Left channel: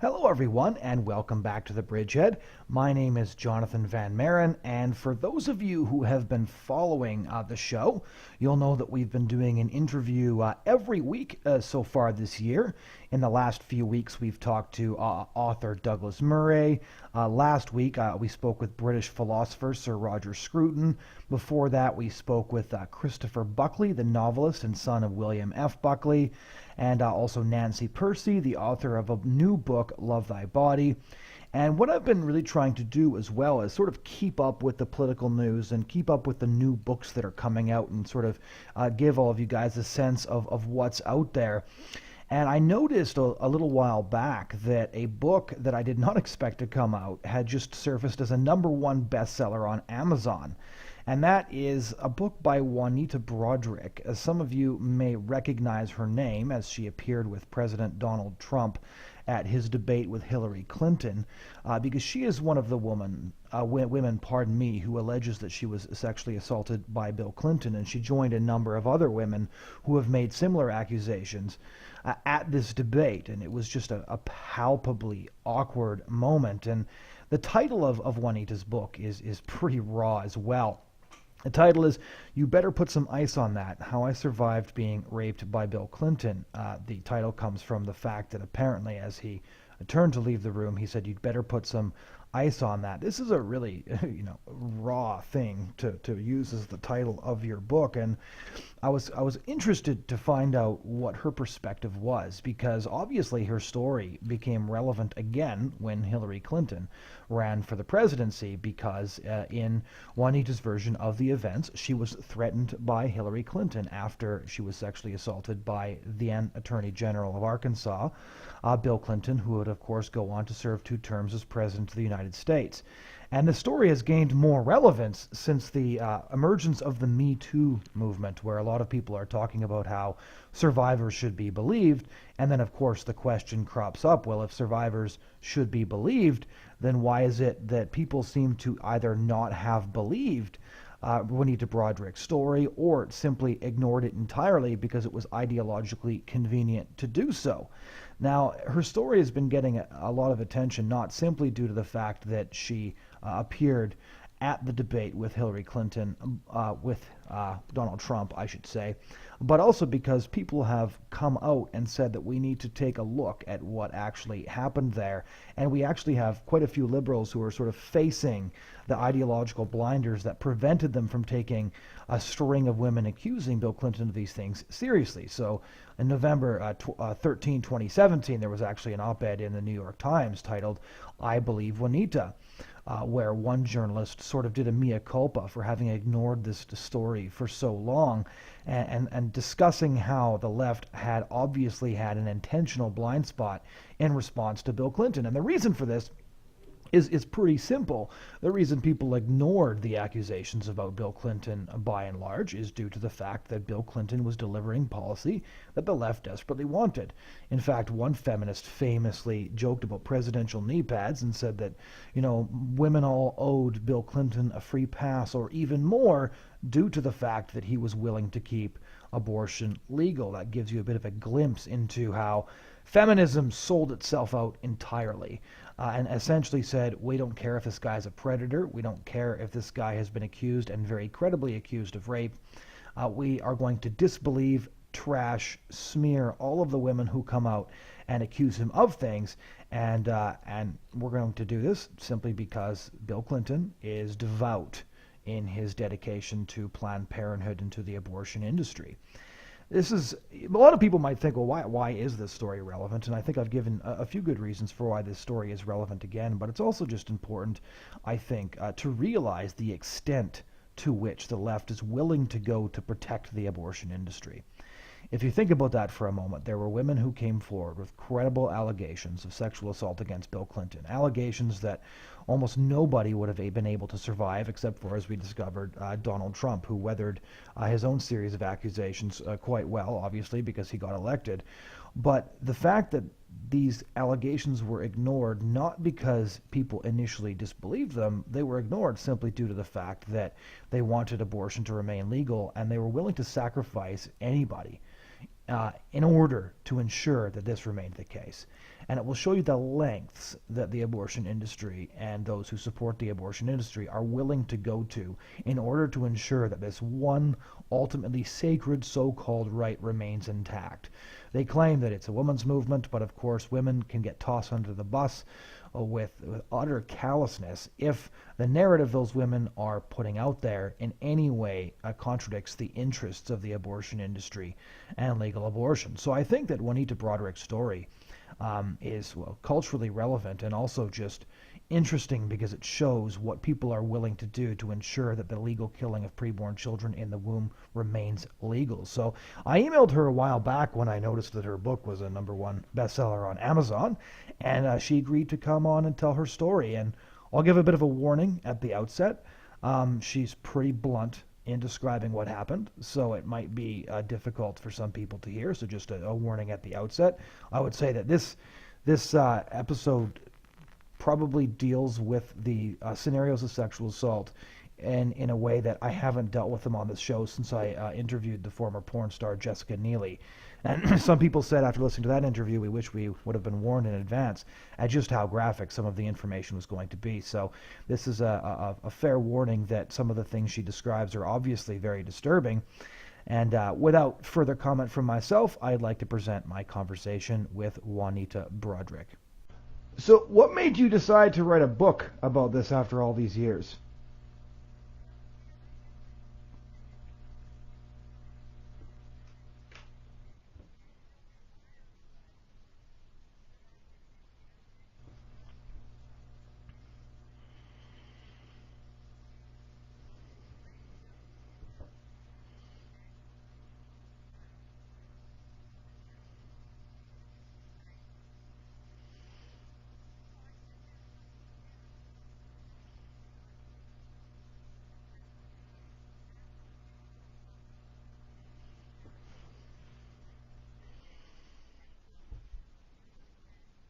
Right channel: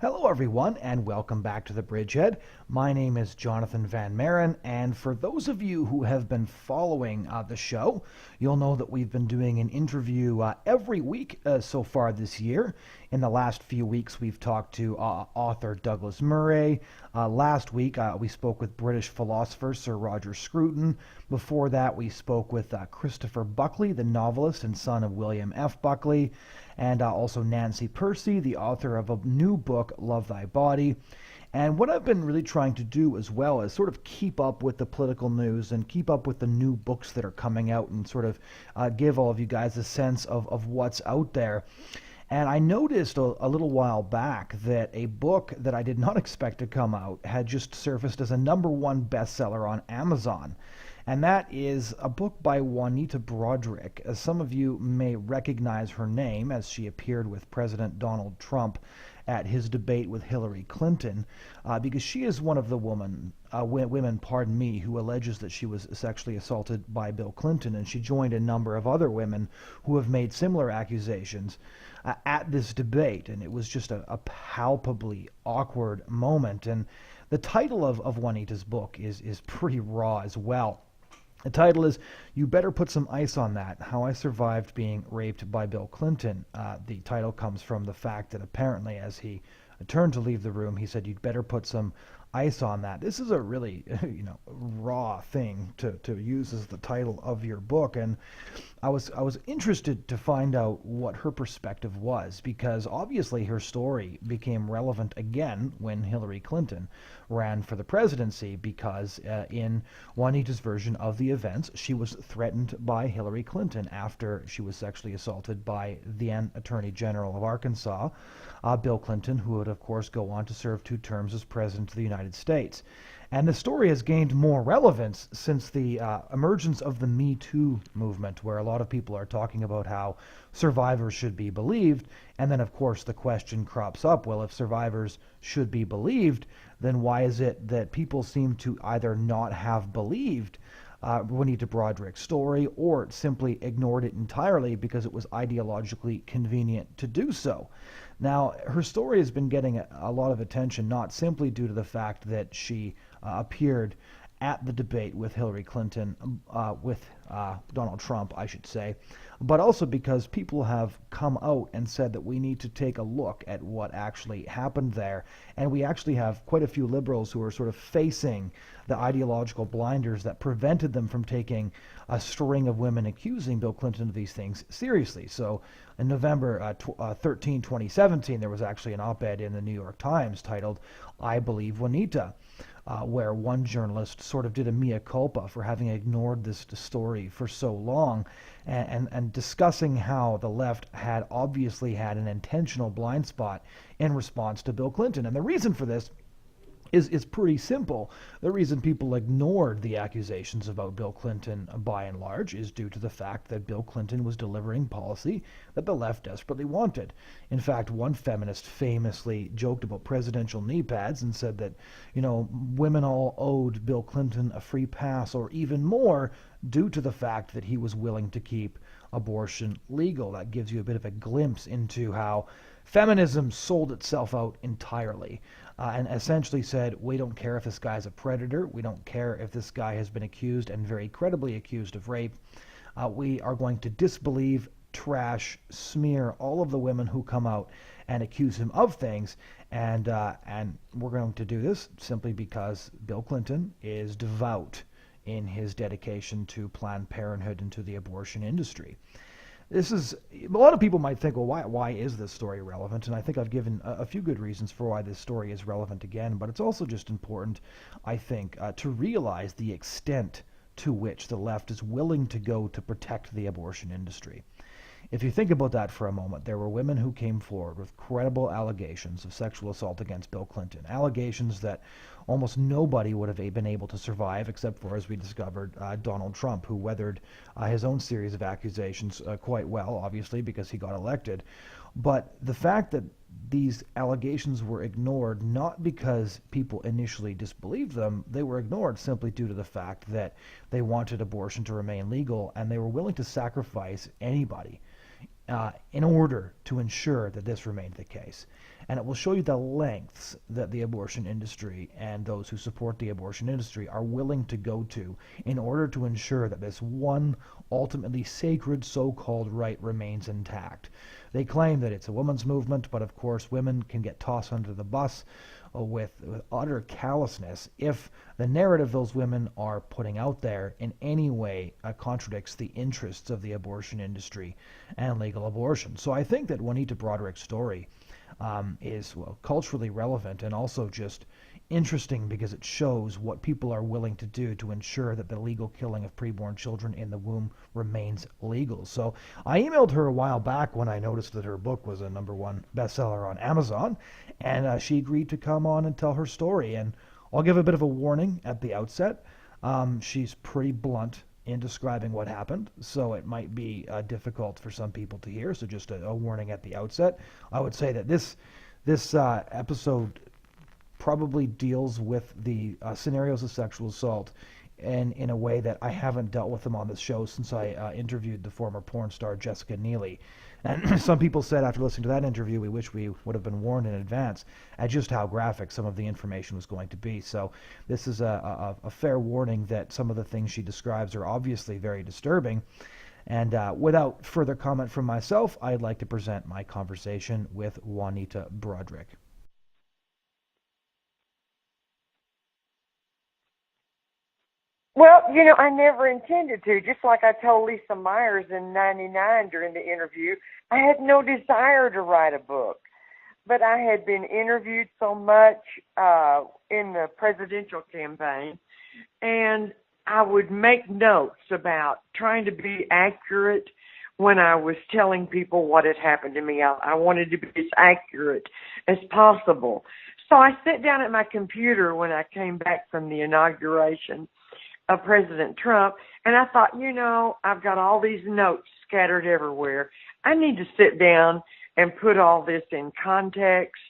Hello, everyone, and welcome back to the Bridgehead. My name is Jonathon Van Maren, and for those of you who have been following the show, you'll know that we've been doing an interview every week so far this year. In the last few weeks, we've talked to author Douglas Murray. Last week, we spoke with British philosopher Sir Roger Scruton. Before that, we spoke with Christopher Buckley, the novelist and son of William F. Buckley, and also Nancy Percy, the author of a new book, Love Thy Body. And what I've been really trying to do as well is sort of keep up with the political news and keep up with the new books that are coming out and sort of give all of you guys a sense of what's out there. And I noticed a little while back that a book that I did not expect to come out had just surfaced as a #1 bestseller on Amazon. And that is a book by Juanita Broaddrick. As some of you may recognize her name, as she appeared with President Donald Trump at his debate with Hillary Clinton, because she is one of the women, who alleges that she was sexually assaulted by Bill Clinton, and she joined a number of other women who have made similar accusations at this debate, and it was just a palpably awkward moment. And the title of Juanita's book is pretty raw as well. The title is You Better Put Some Ice on That, How I Survived Being Raped by Bill Clinton. The title comes from the fact that apparently as he turned to leave the room, he said, "You'd better put some ice on that." This is a really, raw thing to use as the title of your book. And I was interested to find out what her perspective was, because obviously her story became relevant again when Hillary Clinton ran for the presidency, because in Juanita's version of the events, she was threatened by Hillary Clinton after she was sexually assaulted by the then Attorney General of Arkansas, Bill Clinton, who would of course go on to serve 2 terms as President of the United States. And the story has gained more relevance since the emergence of the Me Too movement, where a lot of people are talking about how survivors should be believed. And then, of course, the question crops up, well, if survivors should be believed, then why is it that people seem to either not have believed Juanita Broaddrick's story, or simply ignored it entirely because it was ideologically convenient to do so? Now, her story has been getting a lot of attention, not simply due to the fact that she appeared at the debate with Hillary Clinton, with Donald Trump, I should say, but also because people have come out and said that we need to take a look at what actually happened there. And we actually have quite a few liberals who are sort of facing the ideological blinders that prevented them from taking a string of women accusing Bill Clinton of these things seriously. So in November 13, 2017, there was actually an op-ed in the New York Times titled, "I Believe Juanita," where one journalist sort of did a mea culpa for having ignored this story for so long, and discussing how the left had obviously had an intentional blind spot in response to Bill Clinton. And the reason for this is pretty simple. The reason people ignored the accusations about Bill Clinton, by and large, is due to the fact that Bill Clinton was delivering policy that the left desperately wanted. In fact, one feminist famously joked about presidential knee pads and said that, women all owed Bill Clinton a free pass, or even more, due to the fact that he was willing to keep abortion legal. That gives you a bit of a glimpse into how feminism sold itself out entirely, and essentially said, we don't care if this guy's a predator, we don't care if this guy has been accused, and very credibly accused, of rape. We are going to disbelieve, trash, smear all of the women who come out and accuse him of things, and we're going to do this simply because Bill Clinton is devout in his dedication to Planned Parenthood and to the abortion industry. This is, a lot of people might think, well, why is this story relevant? And I think I've given a few good reasons for why this story is relevant again, but it's also just important, I think, to realize the extent to which the left is willing to go to protect the abortion industry. If you think about that for a moment, there were women who came forward with credible allegations of sexual assault against Bill Clinton, allegations that almost nobody would have been able to survive, except for, as we discovered, Donald Trump, who weathered his own series of accusations quite well, obviously, because he got elected. But the fact that these allegations were ignored, not because people initially disbelieved them, they were ignored simply due to the fact that they wanted abortion to remain legal, and they were willing to sacrifice anybody in order to ensure that this remained the case. and it will show you the lengths that the abortion industry and those who support the abortion industry are willing to go to in order to ensure that this one ultimately sacred so-called right remains intact. They claim that it's a women's movement, but of course women can get tossed under the bus with utter callousness if the narrative those women are putting out there in any way contradicts the interests of the abortion industry and legal abortion. So I think that Juanita Broaddrick's story is culturally relevant and also just interesting because it shows what people are willing to do to ensure that the legal killing of preborn children in the womb remains legal. So I emailed her a while back when I noticed that her book was a #1 bestseller on Amazon, and she agreed to come on and tell her story. And I'll give a bit of a warning at the outset. She's pretty blunt in describing what happened, so it might be difficult for some people to hear. So just a warning at the outset. I would say that this episode probably deals with the scenarios of sexual assault and in a way that I haven't dealt with them on this show since I interviewed the former porn star Jessica Neely. And some people said after listening to that interview, we wish we would have been warned in advance at just how graphic some of the information was going to be. So this is a fair warning that some of the things she describes are obviously very disturbing. And without further comment from myself, I'd like to present my conversation with Juanita Broaddrick. So what made you decide to write a book about this after all these years? Well, I never intended to. Just like I told Lisa Myers in '99 during the interview, I had no desire to write a book. But I had been interviewed so much in the presidential campaign, and I would make notes about trying to be accurate when I was telling people what had happened to me. I wanted to be as accurate as possible. So I sat down at my computer when I came back from the inauguration of President Trump, and I thought, I've got all these notes scattered everywhere. I need to sit down and put all this in context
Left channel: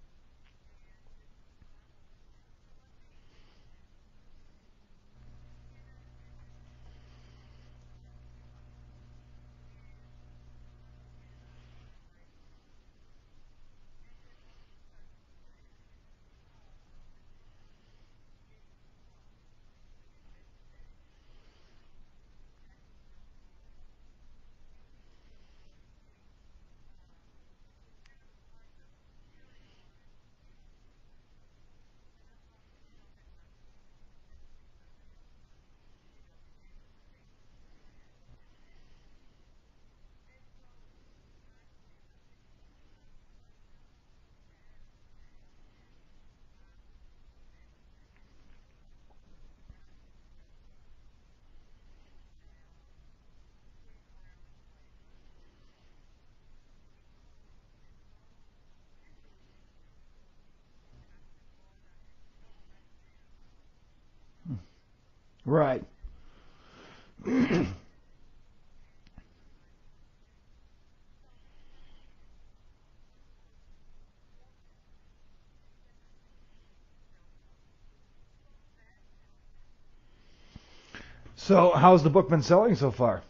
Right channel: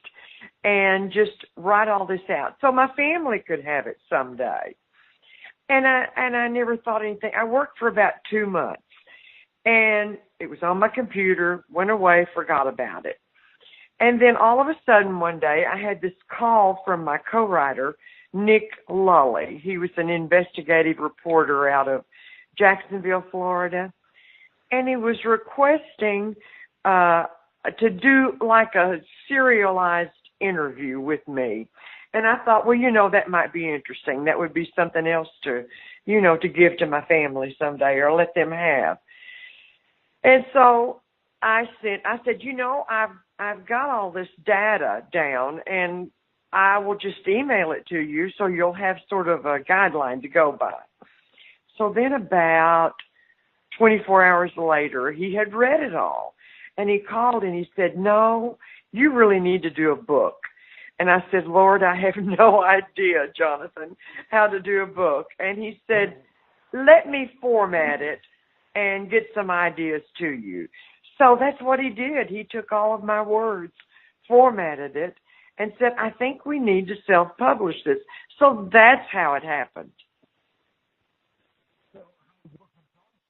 and just write all this out so my family could have it someday. And I never thought anything. I worked for about 2 months, and it was on my computer, went away, forgot about it. And then all of a sudden one day I had this call from my co-writer, Nick Lully. He was an investigative reporter out of Jacksonville, Florida. And he was requesting to do like a serialized interview with me. And I thought, well, that might be interesting. That would be something else to, to give to my family someday or let them have. And so I said, I've got all this data down, and I will just email it to you so you'll have sort of a guideline to go by. So then about 24 hours later, he had read it all, and he called and he said, no, you really need to do a book. And I said, Lord, I have no idea, Jonathan, how to do a book. And He said, let me format it and get some ideas to you. So that's what he did. He took all of my words, formatted it, and said, I think we need to self-publish this. So that's how it happened. So how's the book been selling so far?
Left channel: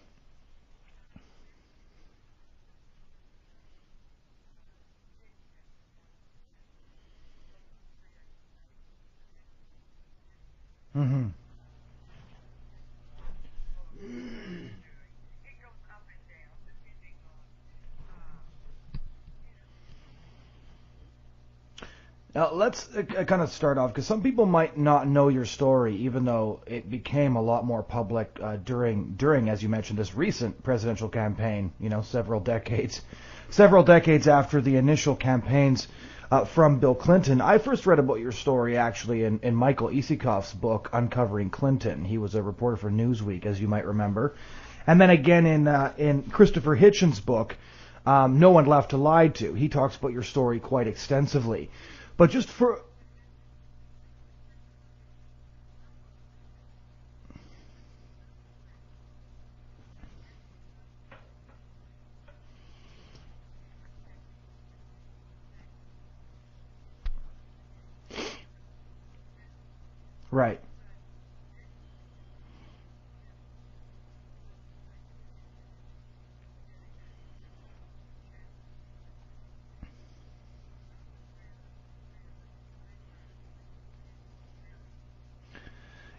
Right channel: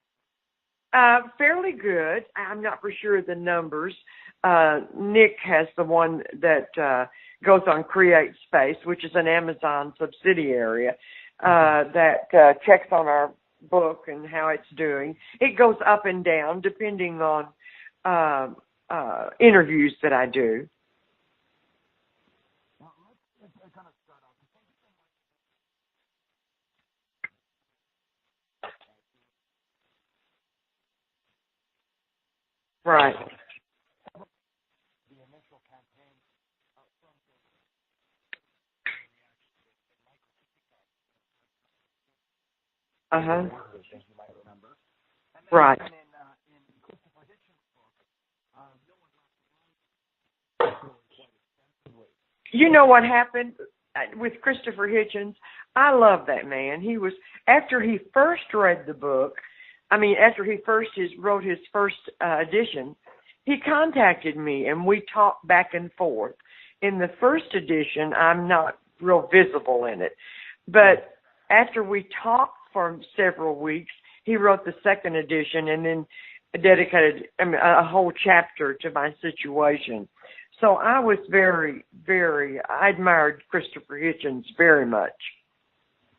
Fairly good. I'm not for sure of the numbers. Nick has the one that goes on Create Space, which is an Amazon subsidiary that checks on our book and how it's doing. It goes up and down depending on interviews that I do. Now, let's kind of start off, because some people might not know your story, even though it became a lot more public during, as you mentioned, this recent presidential campaign, several decades after the initial campaigns from Bill Clinton. I first read about your story, actually, in Michael Isikoff's book, Uncovering Clinton. He was a reporter for Newsweek, as you might remember. And then again in Christopher Hitchens' book, No One Left to Lie To. He talks about your story quite extensively. But just you know what happened with Christopher Hitchens? I love that man. He was, after he first read the book, after he wrote his first edition, he contacted me and we talked back and forth. In the first edition, I'm not real visible in it. Right. But after we talked for several weeks, he wrote the second edition and then dedicated a whole chapter to my situation. So I was I admired Christopher Hitchens very much.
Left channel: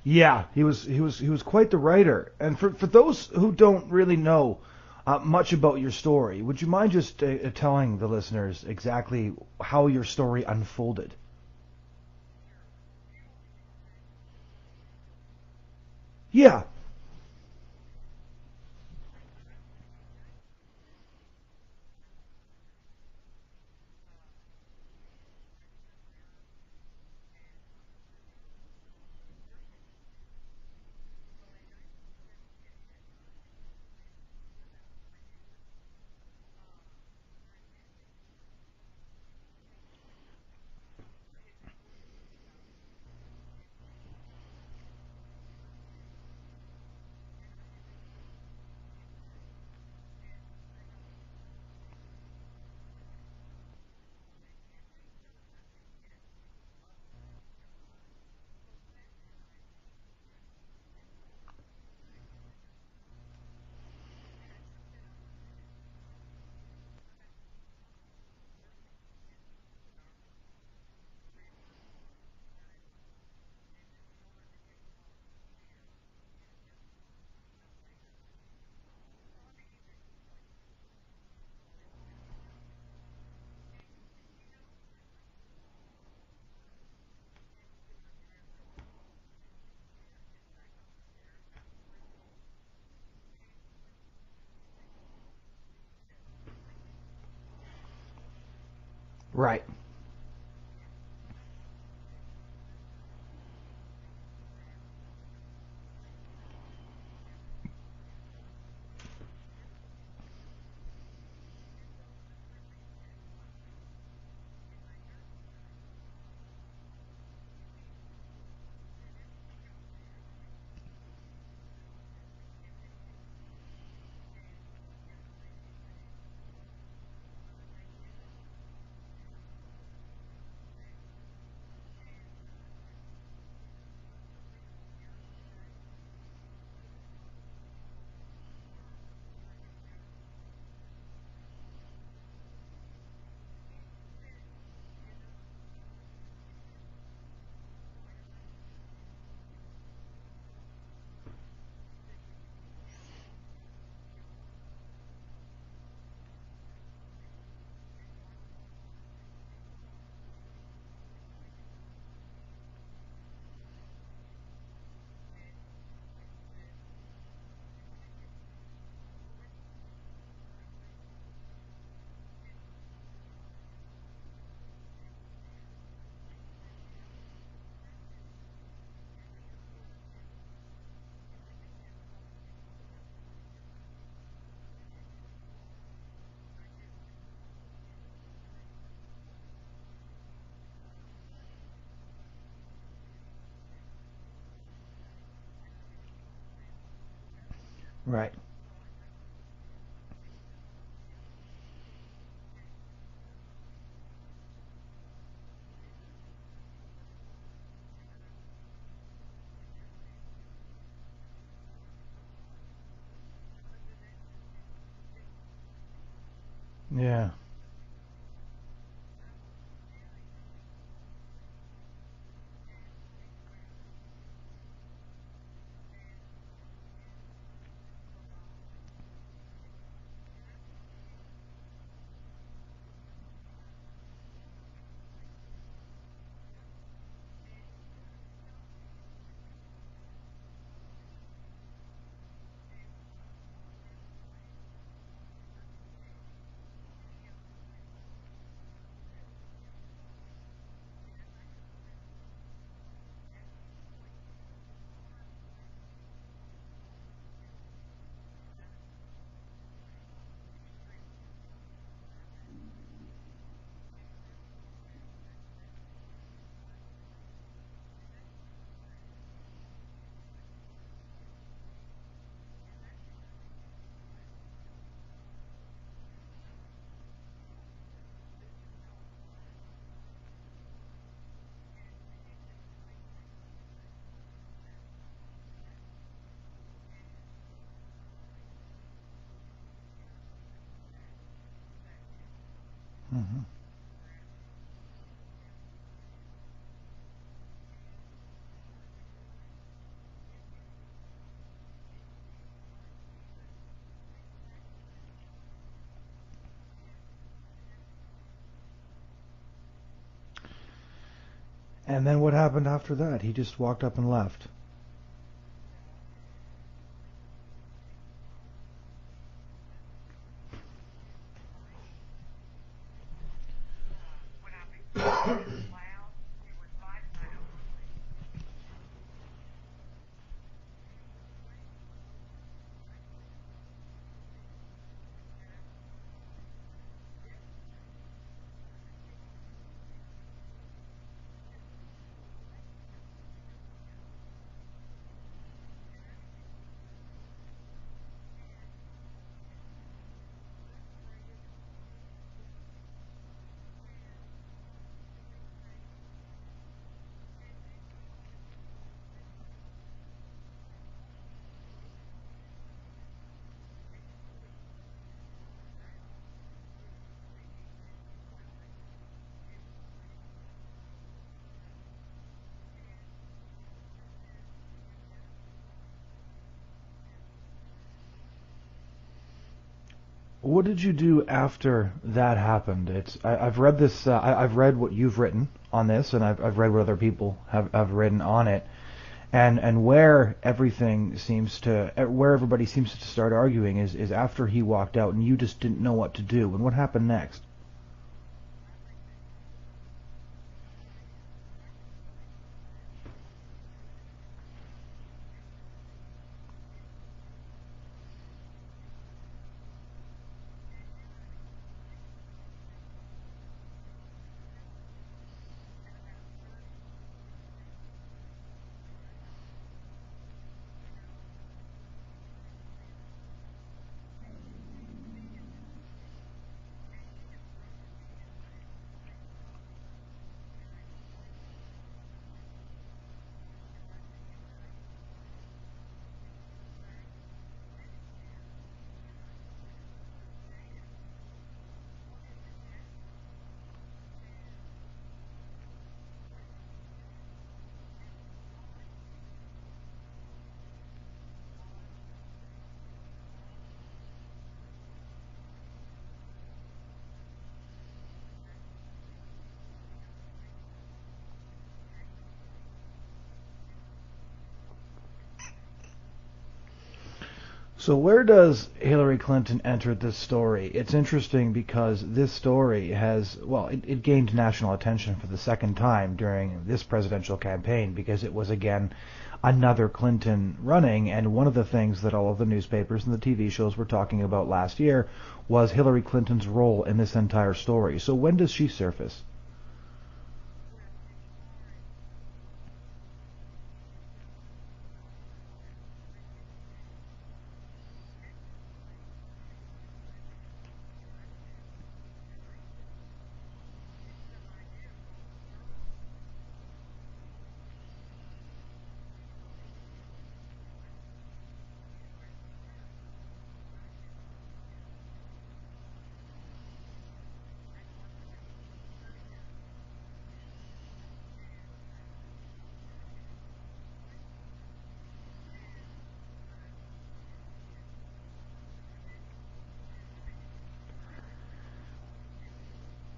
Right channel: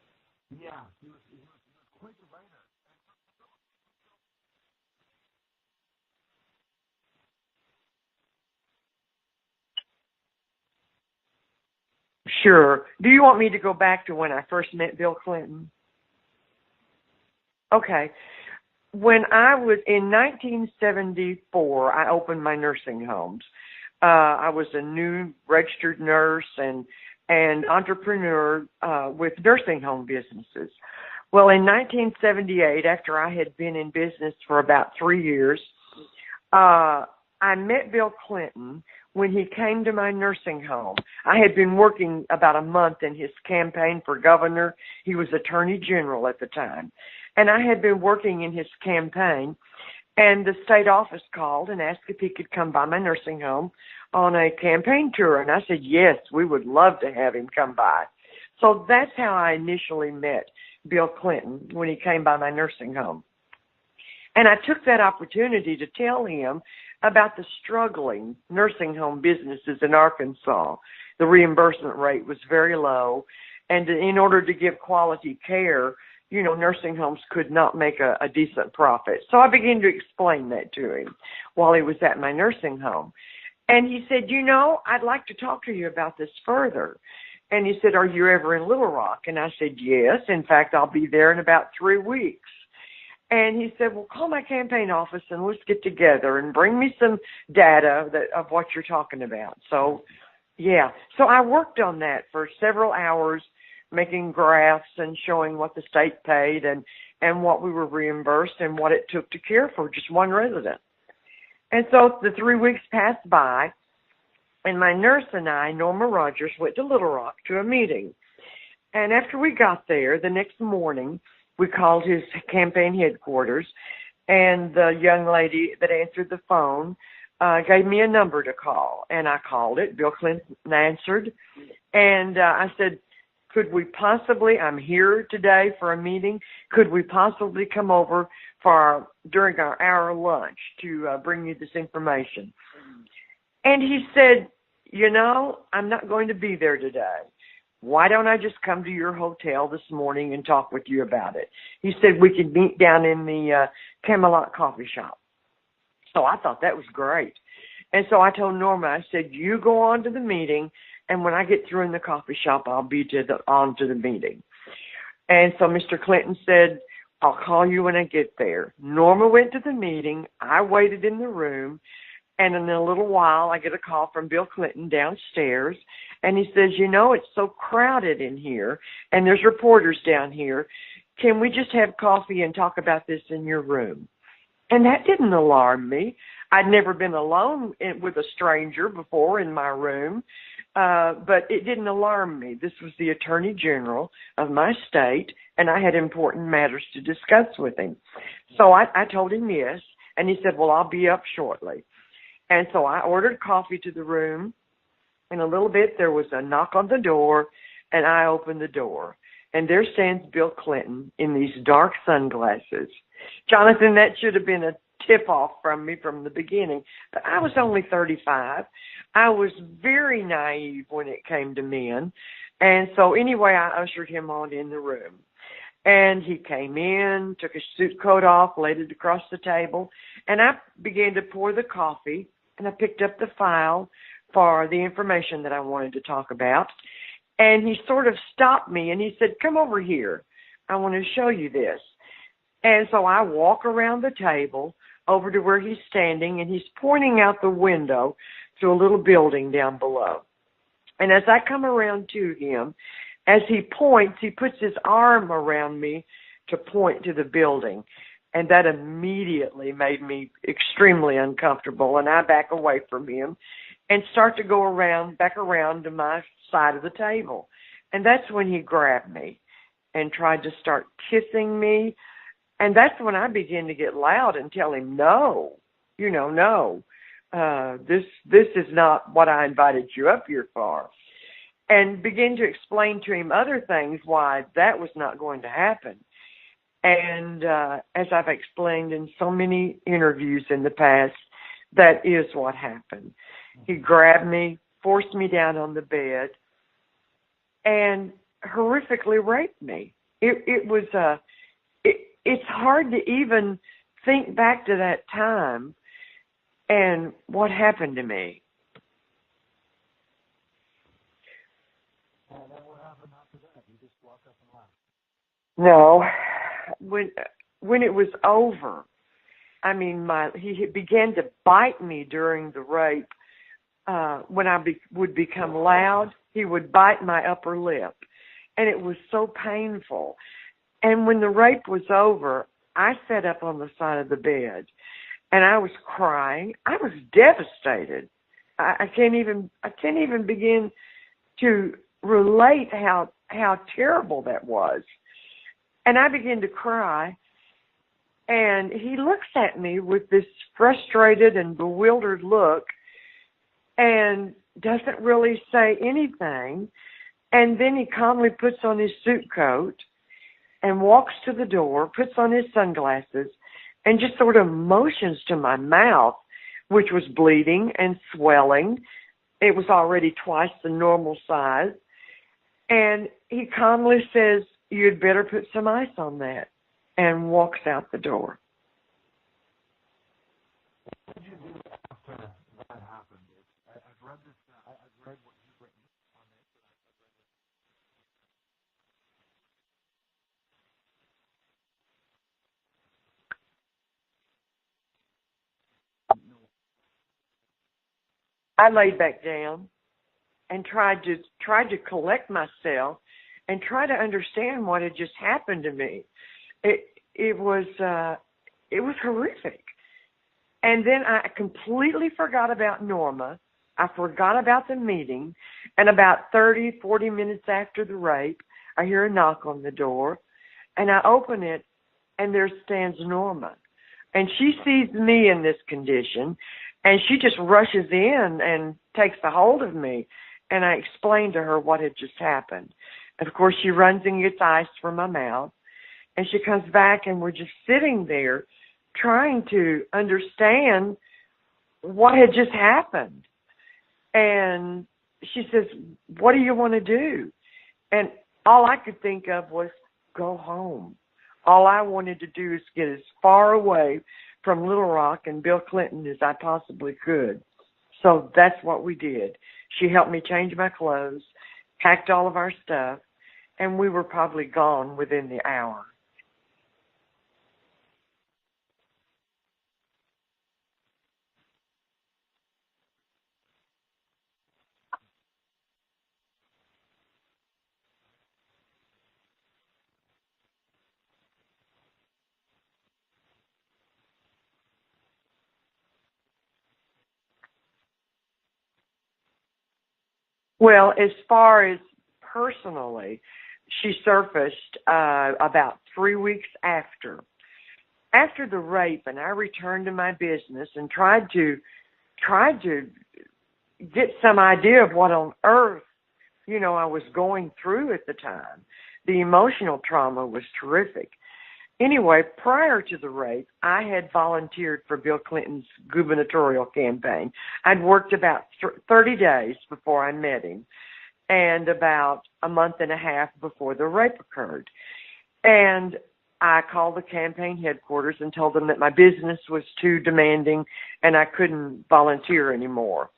Yeah, he was quite the writer. And for those who don't really know much about your story, would you mind just telling the listeners exactly how your story unfolded? Sure. Do you want me to go back to when I first met Bill Clinton? Yeah. Okay. When I was in 1974, I opened my nursing homes. I was a new registered nurse and entrepreneur with nursing home businesses. Well, in 1978, after I had been in business for about 3 years, I met Bill Clinton when he came to my nursing home. I had been working about a month in his campaign for governor. He was attorney general at the time. And I had been working in his campaign, and the state office called and asked if he could come by my nursing home on a campaign tour. And I said, yes, we would love to have him come by. So that's how I initially met Bill Clinton, when he came by my nursing home. And I took that opportunity to tell him about the struggling nursing home businesses in Arkansas. The reimbursement rate was very low, and in order to give quality care, nursing homes could not make a decent profit. So I began to explain that to him while he was at my nursing home. And he said, I'd like to talk to you about this further. And he said, are you ever in Little Rock? And I said, yes. In fact, I'll be there in about 3 weeks. And he said, well, call my campaign office and let's get together and bring me some data of what you're talking about. Right. So, yeah. So I worked on that for several hours, making graphs and showing what the state paid and what we were reimbursed and what it took to care for just one resident. And so the 3 weeks passed by, and my nurse and I, Norma Rogers, went to Little Rock to a meeting. And after we got there, the next morning, we called his campaign headquarters, and the young lady that answered the phone gave me a number to call. And I called it. Bill Clinton answered. And I said, I'm here today for a meeting. Could we possibly come over during our hour lunch to bring you this information? And he said, I'm not going to be there today. Why don't I just come to your hotel this morning and talk with you about it? He said we could meet down in the Camelot coffee shop. So I thought that was great. And so I told Norma, I said, you go on to the meeting, and when I get through in the coffee shop, I'll be on to the meeting. And so Mr. Clinton said, I'll call you when I get there. Norma went to the meeting. I waited in the room. And in a little while, I get a call from Bill Clinton downstairs, and he says, it's so crowded in here, and there's reporters down here. Can we just have coffee and talk about this in your room? And that didn't alarm me. I'd never been alone with a stranger before in my room, but it didn't alarm me. This was the Attorney General of my state, and I had important matters to discuss with him. Right. So I told him yes, and he said, well, I'll be up shortly. And so I ordered coffee to the room. In a little bit, there was a knock on the door, and I opened the door. And there stands Bill Clinton in these dark sunglasses. Jonathan, that should have been a tip-off from me from the beginning. Yeah. I was only 35. I was very naive when it came to men. And so anyway, I ushered him on in the room. And he came in, took his suit coat off, laid it across the table, and I began to pour the coffee, and I picked up the file for the information that I wanted to talk about. And he sort of stopped me, and he said, come over here. I want to show you this. And so I walk around the table over to where he's standing, and he's pointing out the window to a little building down below. And as I come around to him, as he points, he puts his arm around me to point to the building. And that immediately made me extremely uncomfortable, and I back away from him and start to go back around to my side of the table. And that's when he grabbed me and tried to start kissing me. And that's when I began to get loud and tell him, no, no, this is not what I invited you up here for. And begin to explain to him other things why that was not going to happen. And as I've explained in so many interviews in the past, That is what happened. Mm-hmm. He grabbed me, forced me down on the bed, and horrifically raped me. It's hard to even think back to that time and what happened to me. And then what happened after that? He just walked up and left. No, when it was over, I mean, he began to bite me during the rape. When I would become loud, he would bite my upper lip, and it was so painful. And when the rape was over, I sat up on the side of the bed, and I was crying. I was devastated. I can't even begin to relate how terrible that was. And I began to cry, and he looks at me with this frustrated and bewildered look and doesn't really say anything. And then he calmly puts on his suit coat and walks to the door, puts on his sunglasses, and just sort of motions to my mouth, which was bleeding and swelling. It was already twice the normal size. And he calmly says, "You'd better put some ice on that," and walks out the door. What did you do after that happened? I've read this. I've read what you've written on this, and I've read what other people have written on it, and where everybody seems to start arguing is after he walked out, and you just didn't know what to do. And what happened next? I laid back down and tried to collect myself and try to understand what had just happened to me. It was horrific. And then I completely forgot about Norma. I forgot about the meeting. And about 30, 40 minutes after the rape, I hear a knock on the door. And I open it, and there stands Norma. And she sees me in this condition, and she just rushes in and takes a hold of me. And I explained to her what had just happened. And, of course, she runs and gets ice from my mouth. And she comes back, and we're just sitting there trying to understand what had just happened. And she says, "What do you want to do?" And all I could think of was go home. All I wanted to do is get as far away from Little Rock and Bill Clinton as I possibly could. So that's what we did. She helped me change my clothes, packed all of our stuff, and we were probably gone within the hour. So where does Hillary Clinton enter this story? It's interesting because this story it gained national attention for the second time during this presidential campaign because it was, again, another Clinton running, and one of the things that all of the newspapers and the TV shows were talking about last year was Hillary Clinton's role in this entire story. So when does she surface? Well, as far as personally, she surfaced about 3 weeks after the rape, and I returned to my business and tried to get some idea of what on earth, I was going through at the time. The emotional trauma was terrific. Anyway, prior to the rape, I had volunteered for Bill Clinton's gubernatorial campaign. I'd worked about 30 days before I met him, and about a month and a half before the rape occurred. And I called the campaign headquarters and told them that my business was too demanding and I couldn't volunteer anymore.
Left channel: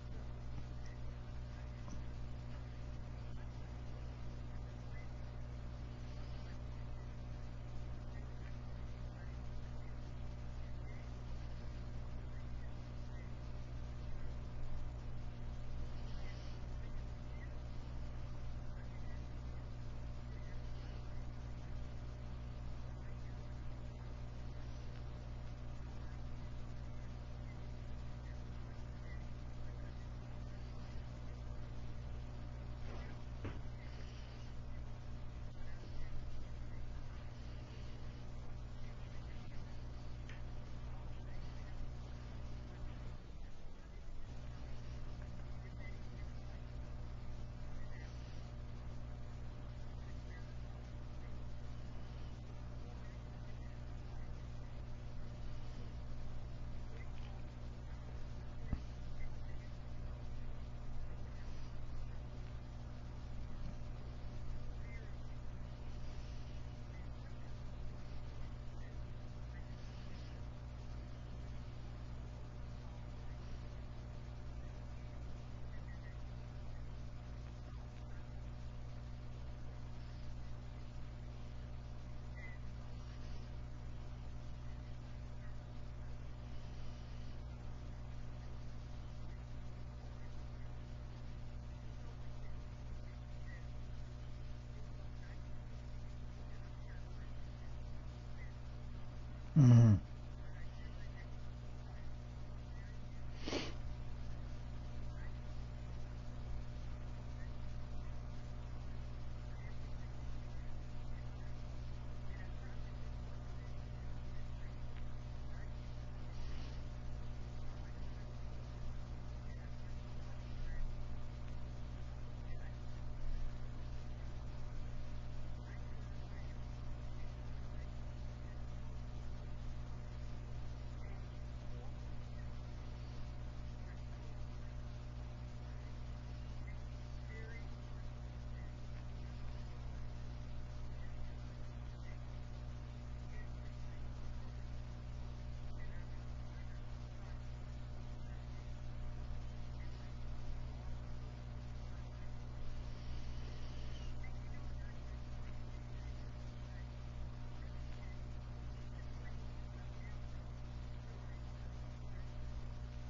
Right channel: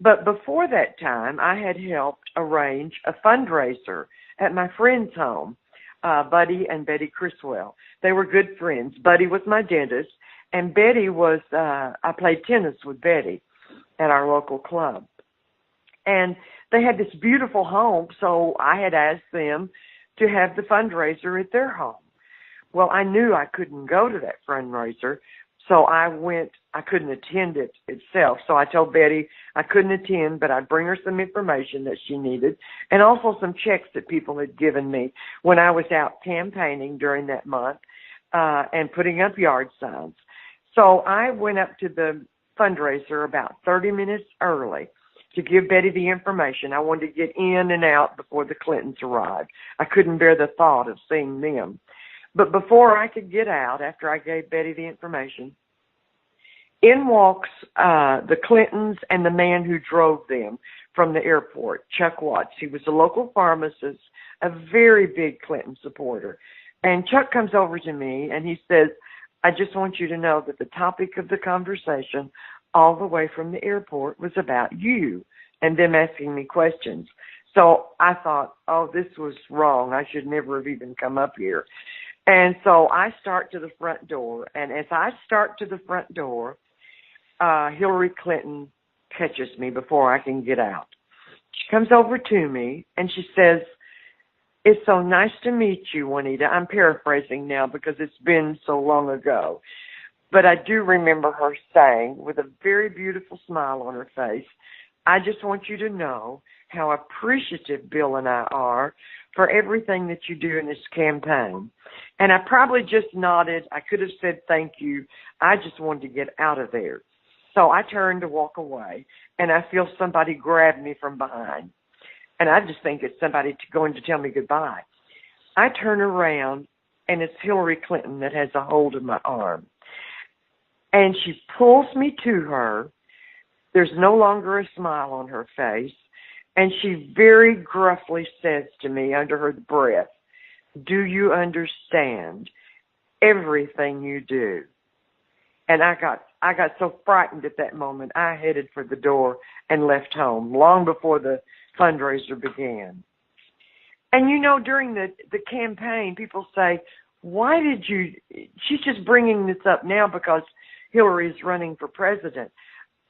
But before that time, I had helped arrange a fundraiser at my friend's home, Buddy and Betty Criswell. They were good friends. Buddy was my dentist, and Betty was, I played tennis with Betty at our local club. And they had this beautiful home, so I had asked them to have the fundraiser at their home. Well, I knew I couldn't go to that fundraiser, so I couldn't attend it itself. So I told Betty I couldn't attend, but I'd bring her some information that she needed, and also some checks that people had given me when I was out campaigning during that month and putting up yard signs. So I went up to the fundraiser about 30 minutes early to give Betty the information. I wanted to get in and out before the Clintons arrived. I couldn't bear the thought of seeing them. But before I could get out, after I gave Betty the information, In walks the Clintons and the man who drove them from the airport, Chuck Watts. He was a local pharmacist, a very big Clinton supporter. And Chuck comes over to me and he says, I just want you to know that the topic of the conversation all the way from the airport was about you and them asking me questions. So I thought, oh, this was wrong. I should never have even come up here. And so I start to the front door. And as I start to the front door, Hillary Clinton catches me before I can get out. She comes over to me and she says, it's so nice to meet you, Juanita. I'm paraphrasing now because it's been so long ago. Mm-hmm. But I do remember her saying, with a very beautiful smile on her face, I just want you to know how appreciative Bill and I are for everything that you do in this campaign. And I probably just nodded. I could have said thank you. I just wanted to get out of there. So I turned to walk away, and I feel somebody grab me from behind. And I just think it's somebody going to tell me goodbye. I turn around, and it's Hillary Clinton that has a hold of my arm. And she pulls me to her. There's no longer a smile on her face. And she very gruffly says to me under her breath, do you understand everything you do? And I got so frightened at that moment, I headed for the door and left home long before the fundraiser began. And you know, during the campaign, people say, why did you, she's just bringing this up now because Hillary's running for president.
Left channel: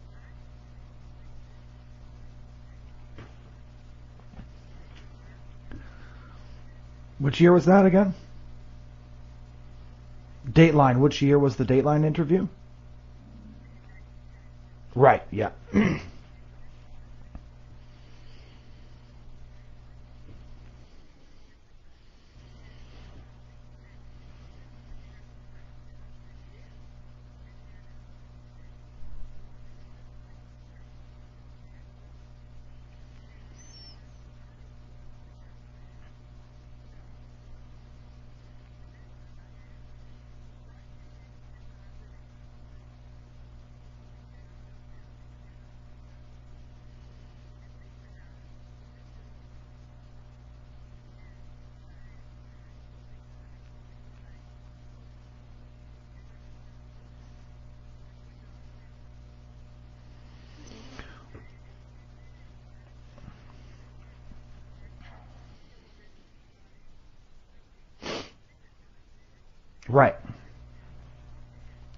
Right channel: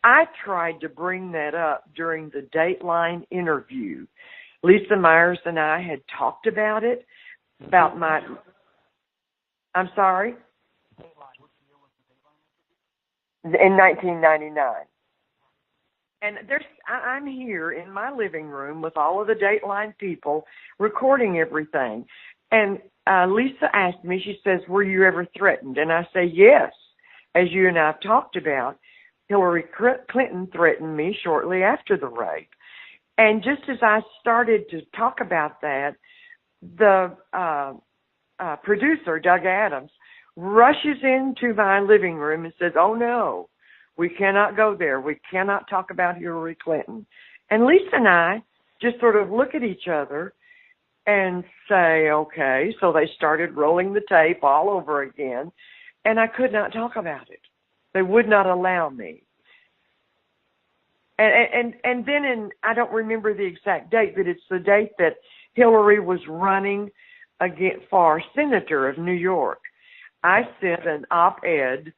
I tried to bring that up during the Dateline interview. Lisa Myers and I had talked about it. Which year was that again? I'm sorry? Dateline. Which year was the Dateline interview? In 1999. Right, yeah. And I'm here in my living room with all of the Dateline people recording everything. And Lisa asked me, she says, were you ever threatened? And I say, yes. As you and I have talked about, Hillary Clinton threatened me shortly after the rape. And just as I started to talk about that, the producer, Doug Adams, rushes into my living room and says, oh, no, we cannot go there. We cannot talk about Hillary Clinton. And Lisa and I just sort of look at each other and say, okay. So they started rolling the tape all over again, and I could not talk about it. They would not allow me. And then I don't remember the exact date, but it's the date that Hillary was running for senator of New York. Right. I sent an op-ed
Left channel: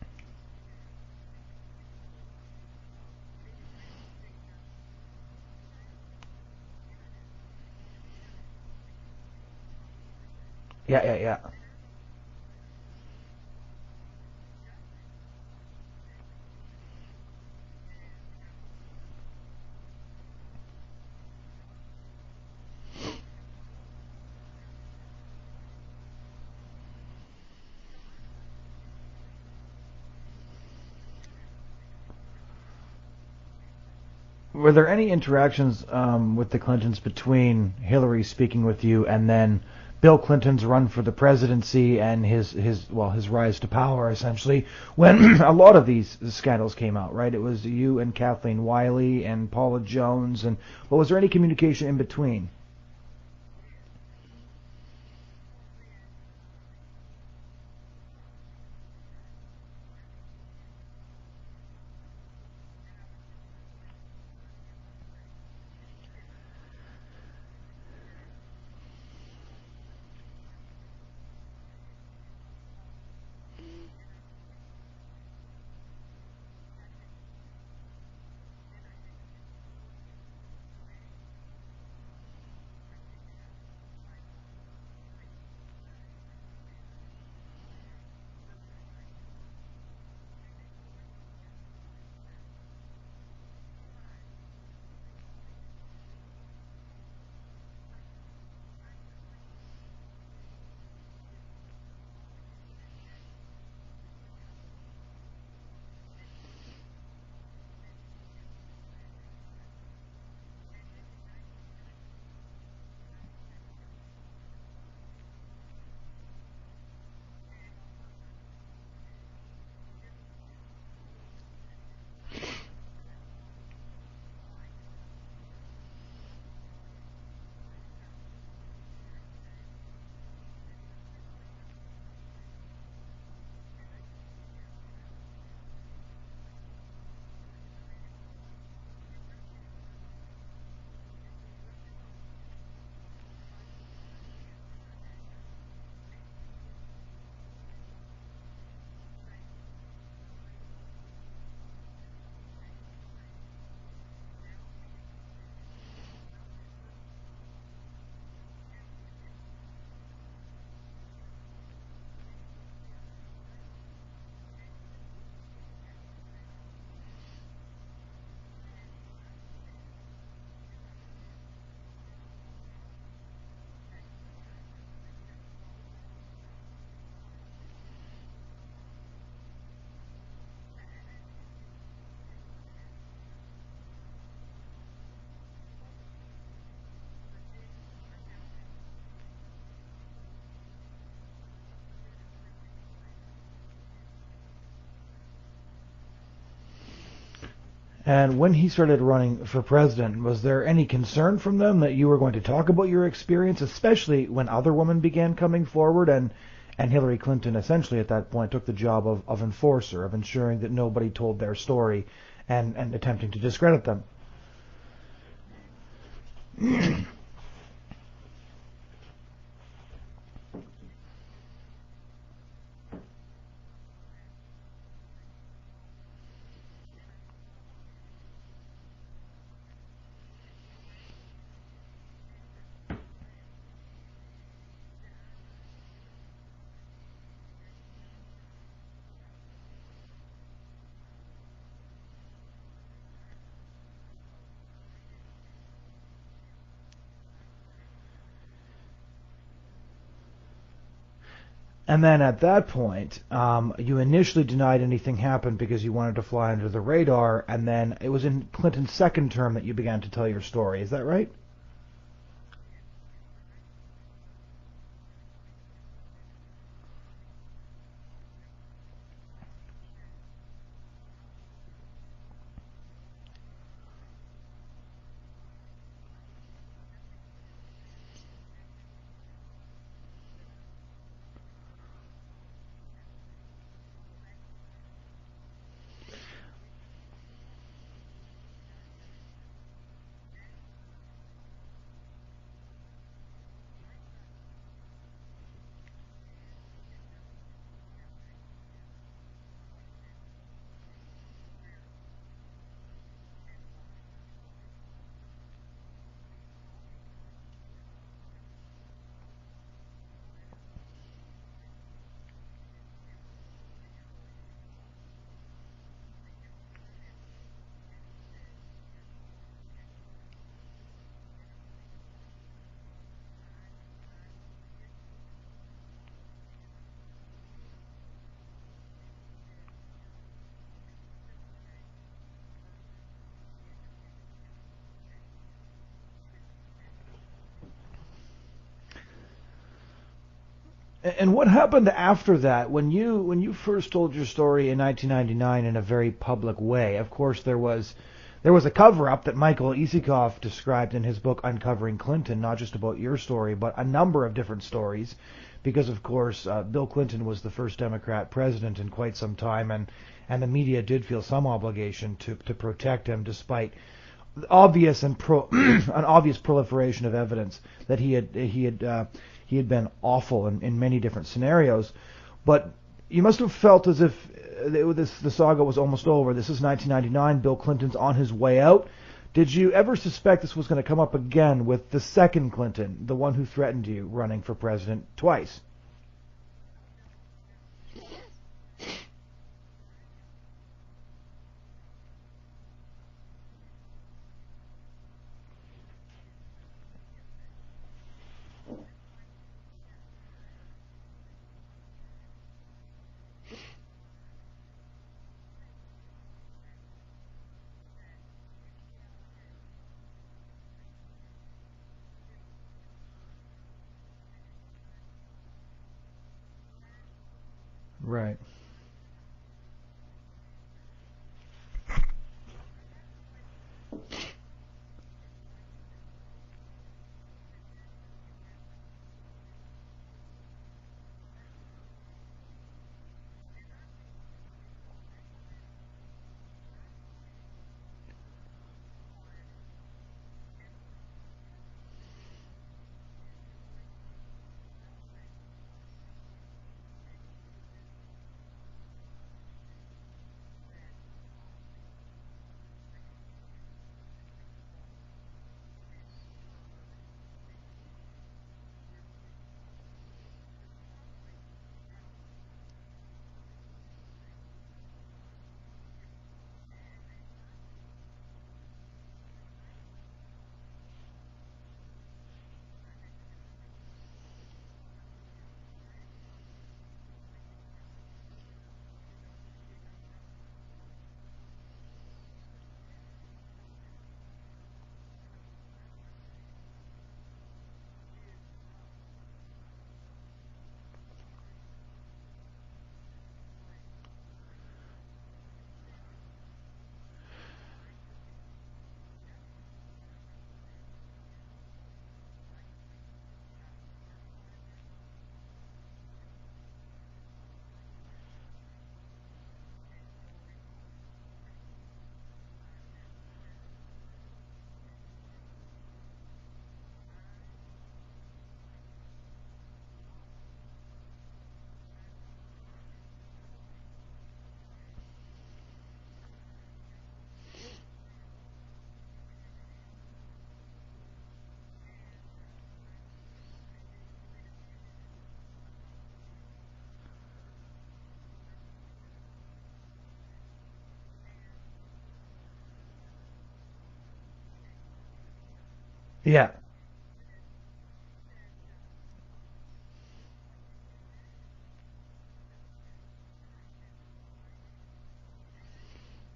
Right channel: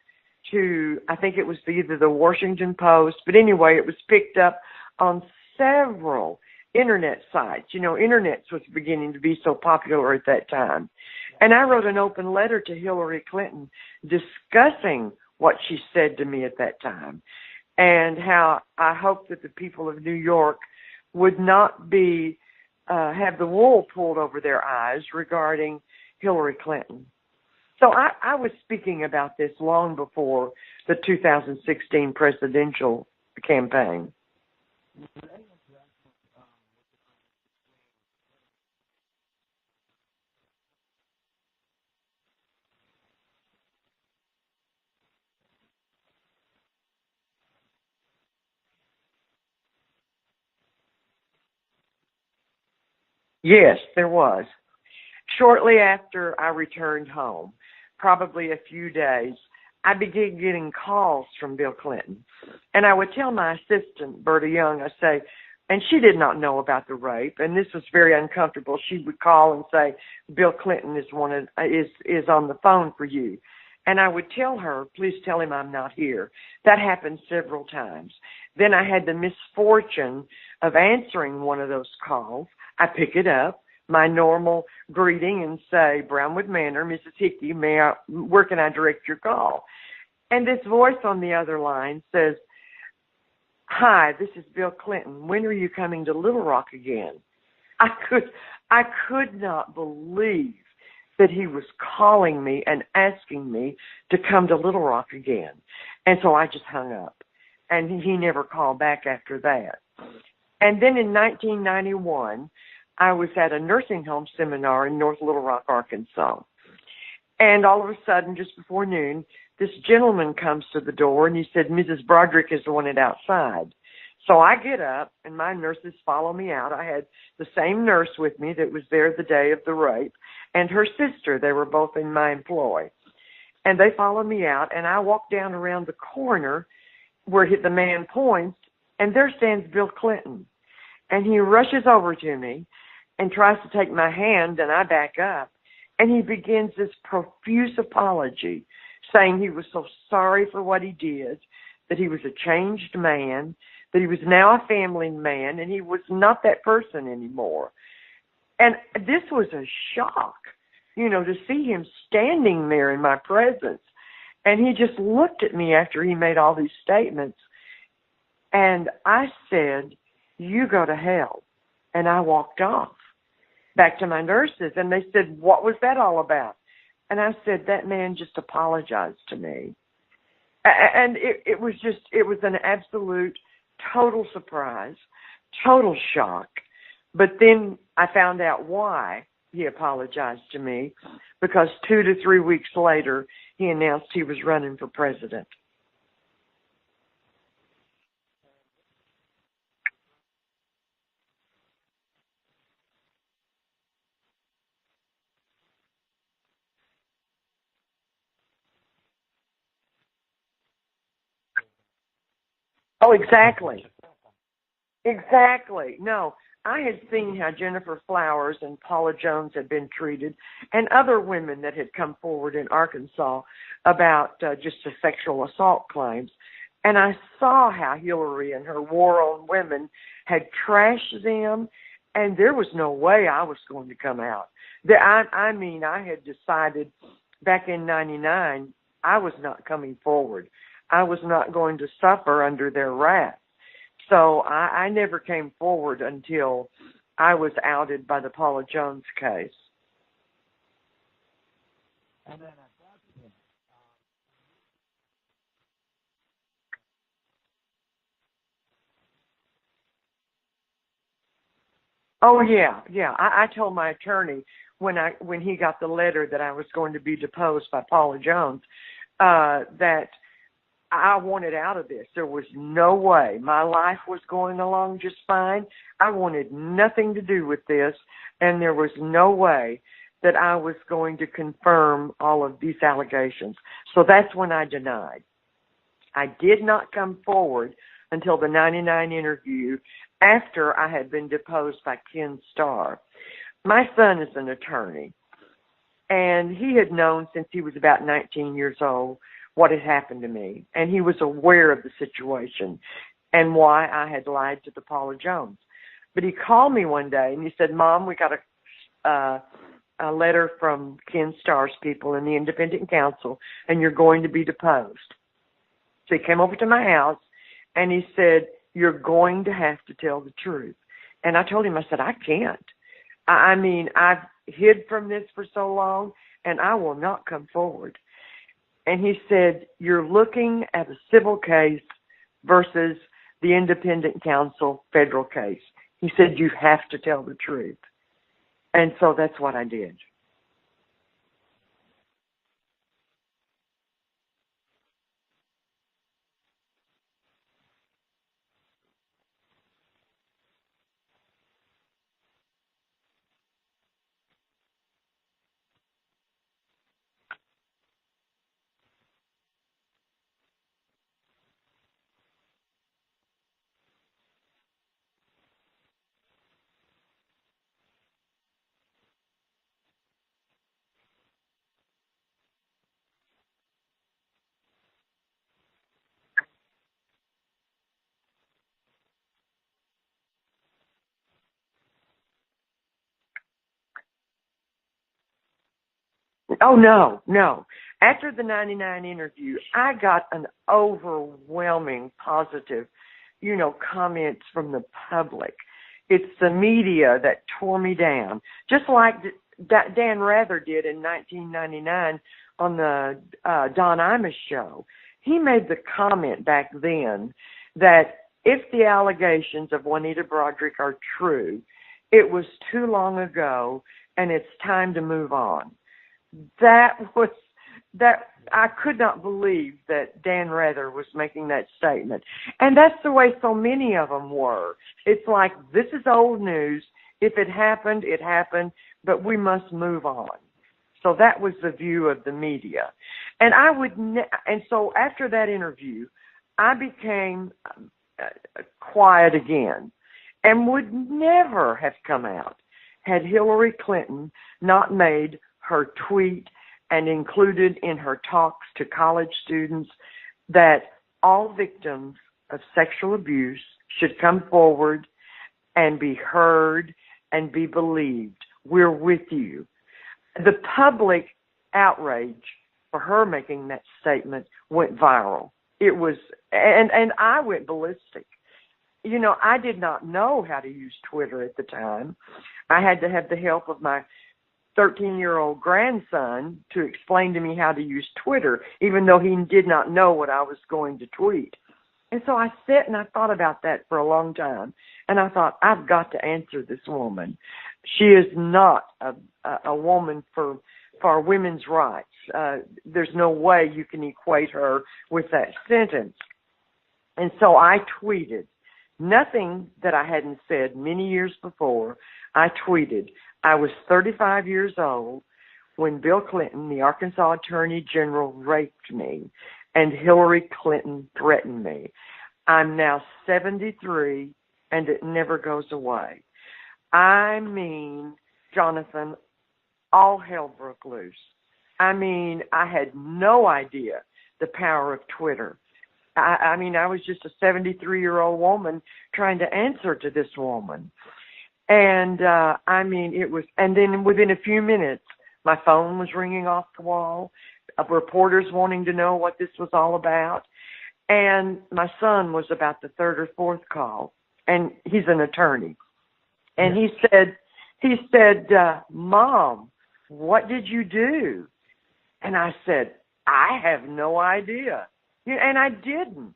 to, I think it was either the Washington Post, but anyway, it was picked up on several internet sites. You know, internet was beginning to be so popular at that time. Yeah. And I wrote an open letter to Hillary Clinton discussing what she said to me at that time, and how I hoped that the people of New York would not be have the wool pulled over their eyes regarding Hillary Clinton. So I was speaking about this long before the 2016 presidential campaign. Were there any interactions with the Clintons between Hillary speaking with you and then Bill Clinton's run for the presidency and his rise to power, essentially, when a lot of these scandals came out, right? It was you and Kathleen Wiley and Paula Jones, but was there any communication in between? Yes, there was. Shortly after I returned home, probably a few days, I began getting calls from Bill Clinton. And I would tell my assistant, Berta Young, I say, and she did not know about the rape, and this was very uncomfortable. She would call and say, Bill Clinton is on the phone for you. And I would tell her, please tell him I'm not here. That happened several times. Then I had the misfortune of answering one of those calls. I pick it up, my normal greeting, and say, Brownwood Manor, Mrs. Hickey, where can I direct your call? And this voice on the other line says, hi, this is Bill Clinton. When are you coming to Little Rock again? I could not believe that he was calling me and asking me to come to Little Rock again. And so I just hung up. And he never called back after that. And then in 1991, I was at a nursing home seminar in North Little Rock, Arkansas. And all of a sudden, just before noon, this gentleman comes to the door, and he said, Mrs. Broaddrick is wanted outside. So I get up, and my nurses follow me out. I had the same nurse with me that was there the day of the rape, and her sister. They were both in my employ. And they follow me out, and I walk down around the corner where the man points, and there stands Bill Clinton. And he rushes over to me and tries to take my hand, and I back up. And he begins this profuse apology, saying he was so sorry for what he did, that he was a changed man, that he was now a family man, and he was not that person anymore. And this was a shock, to see him standing there in my presence. And he just looked at me after he made all these statements. And I said, you go to hell. And I walked off back to my nurses. And they said, what was that all about? And I said, that man just apologized to me. And it was an absolute total surprise, total shock. But then I found out why he apologized to me, because 2 to 3 weeks later, he announced he was running for president. And when he started running for president, was there any concern from them that you were going to talk about your experience, especially when other women began coming forward, and Hillary Clinton essentially at that point took the job of enforcer, of ensuring that nobody told their story and attempted to discredit them? Exactly. No, I had seen how Jennifer Flowers and Paula Jones had been treated, and other women that had come forward in Arkansas about just the sexual assault claims. And I saw how Hillary and her war on women had trashed them, and there was no way I was going to come out. I had decided back in 99, I was not coming forward. I was not going to suffer under their wrath. So I never came forward until I was outed by the Paula Jones case. And then at that point, you initially denied anything happened because you wanted to fly under the radar, and then it was in Clinton's second term that you began to tell your story. Is that right? Oh, yeah. I told my attorney when he got the letter that I was going to be deposed by Paula Jones, that I wanted out of this. There was no way. My life was going along just fine. I wanted nothing to do with this, and there was no way that I was going to confirm all of these allegations. So that's when I denied. I did not come forward until the 99 interview after I had been deposed by Ken Starr. My son is an attorney, and he had known since he was about 19 years old what had happened to me, and he was aware of the situation and why I had lied to the Paula Jones. But he called me one day, and he said, Mom, we got a letter from Ken Starr's people in the Independent Council, and you're going to be deposed. So he came over to my house, and he said, you're going to have to tell the truth. And I told him, I said, I can't. I've hid from this for so long, and I will not come forward. And he said, you're looking at a civil case versus the Independent Council federal case. He said, you have to tell the truth. And so that's what I did. And what happened after that? When you first told your story in 1999 in a very public way, of course there was a cover-up that Michael Isikoff described in his book Uncovering Clinton, not just about your story, but a number of different stories, because of course Bill Clinton was the first Democrat president in quite some time, and the media did feel some obligation to protect him, despite obvious an obvious proliferation of evidence that he had been awful in many different scenarios. But you must have felt as if the saga was almost over. This is 1999. Bill Clinton's on his way out. Did you ever suspect this was going to come up again with the second Clinton, the one who threatened you, running for president twice? Oh, no. After the 99 interview, I got an overwhelming positive, comments from the public. It's the media that tore me down, just like Dan Rather did in 1999 on the Don Imus show. He made the comment back then that if the allegations of Juanita Broaddrick are true, it was too long ago and it's time to move on. That was Right. I could not believe that Dan Rather was making that statement. And that's the way so many of them were. It's like, this is old news. If it happened, it happened, but we must move on. So that was the view of the media. And and so after that interview, I became quiet again and would never have come out had Hillary Clinton not made her tweet and included in her talks to college students that all victims of sexual abuse should come forward and be heard and be believed. We're with you. The public outrage for her making that statement went viral. It was, and I went ballistic. You know, I did not know how to use Twitter at the time. I had to have the help of my 13-year-old grandson to explain to me how to use Twitter, even though he did not know what I was going to tweet. And so I sat and I thought about that for a long time. And I thought, I've got to answer this woman. She is not a woman for women's rights. There's no way you can equate her with that sentence. And so I tweeted nothing that I hadn't said many years before. I tweeted, I was 35 years old when Bill Clinton, the Arkansas Attorney General, raped me, and Hillary Clinton threatened me. I'm now 73, and it never goes away. I mean, Jonathan, all hell broke loose. I mean, I had no idea the power of Twitter. I mean, I was just a 73-year-old woman trying to answer to this woman. And, I mean, it was, and then within a few minutes, my phone was ringing off the wall, reporters wanting to know what this was all about. And my son was about the third or fourth call, and he's an attorney. Yeah. And he said, Mom, what did you do? And I said, I have no idea. And I didn't.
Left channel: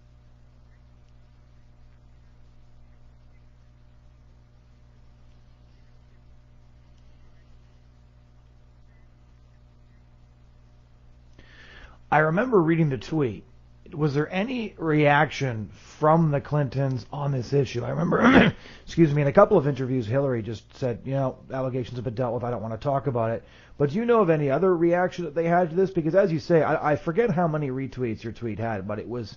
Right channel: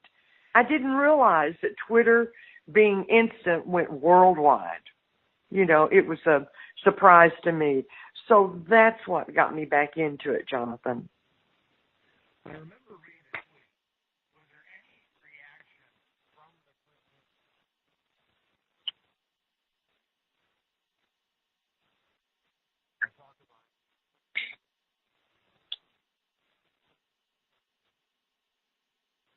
I didn't realize that Twitter, being instant, went worldwide. You know, it was a surprise to me. So that's what got me back into it, Jonathan. I remember reading the tweet. Was there any reaction from the Clintons on this issue? I remember, excuse me, in a couple of interviews, Hillary just said, you know, allegations have been dealt with. I don't want to talk about it. But do you know of any other reaction that they had to this? Because as you say, I forget how many retweets your tweet had, but it was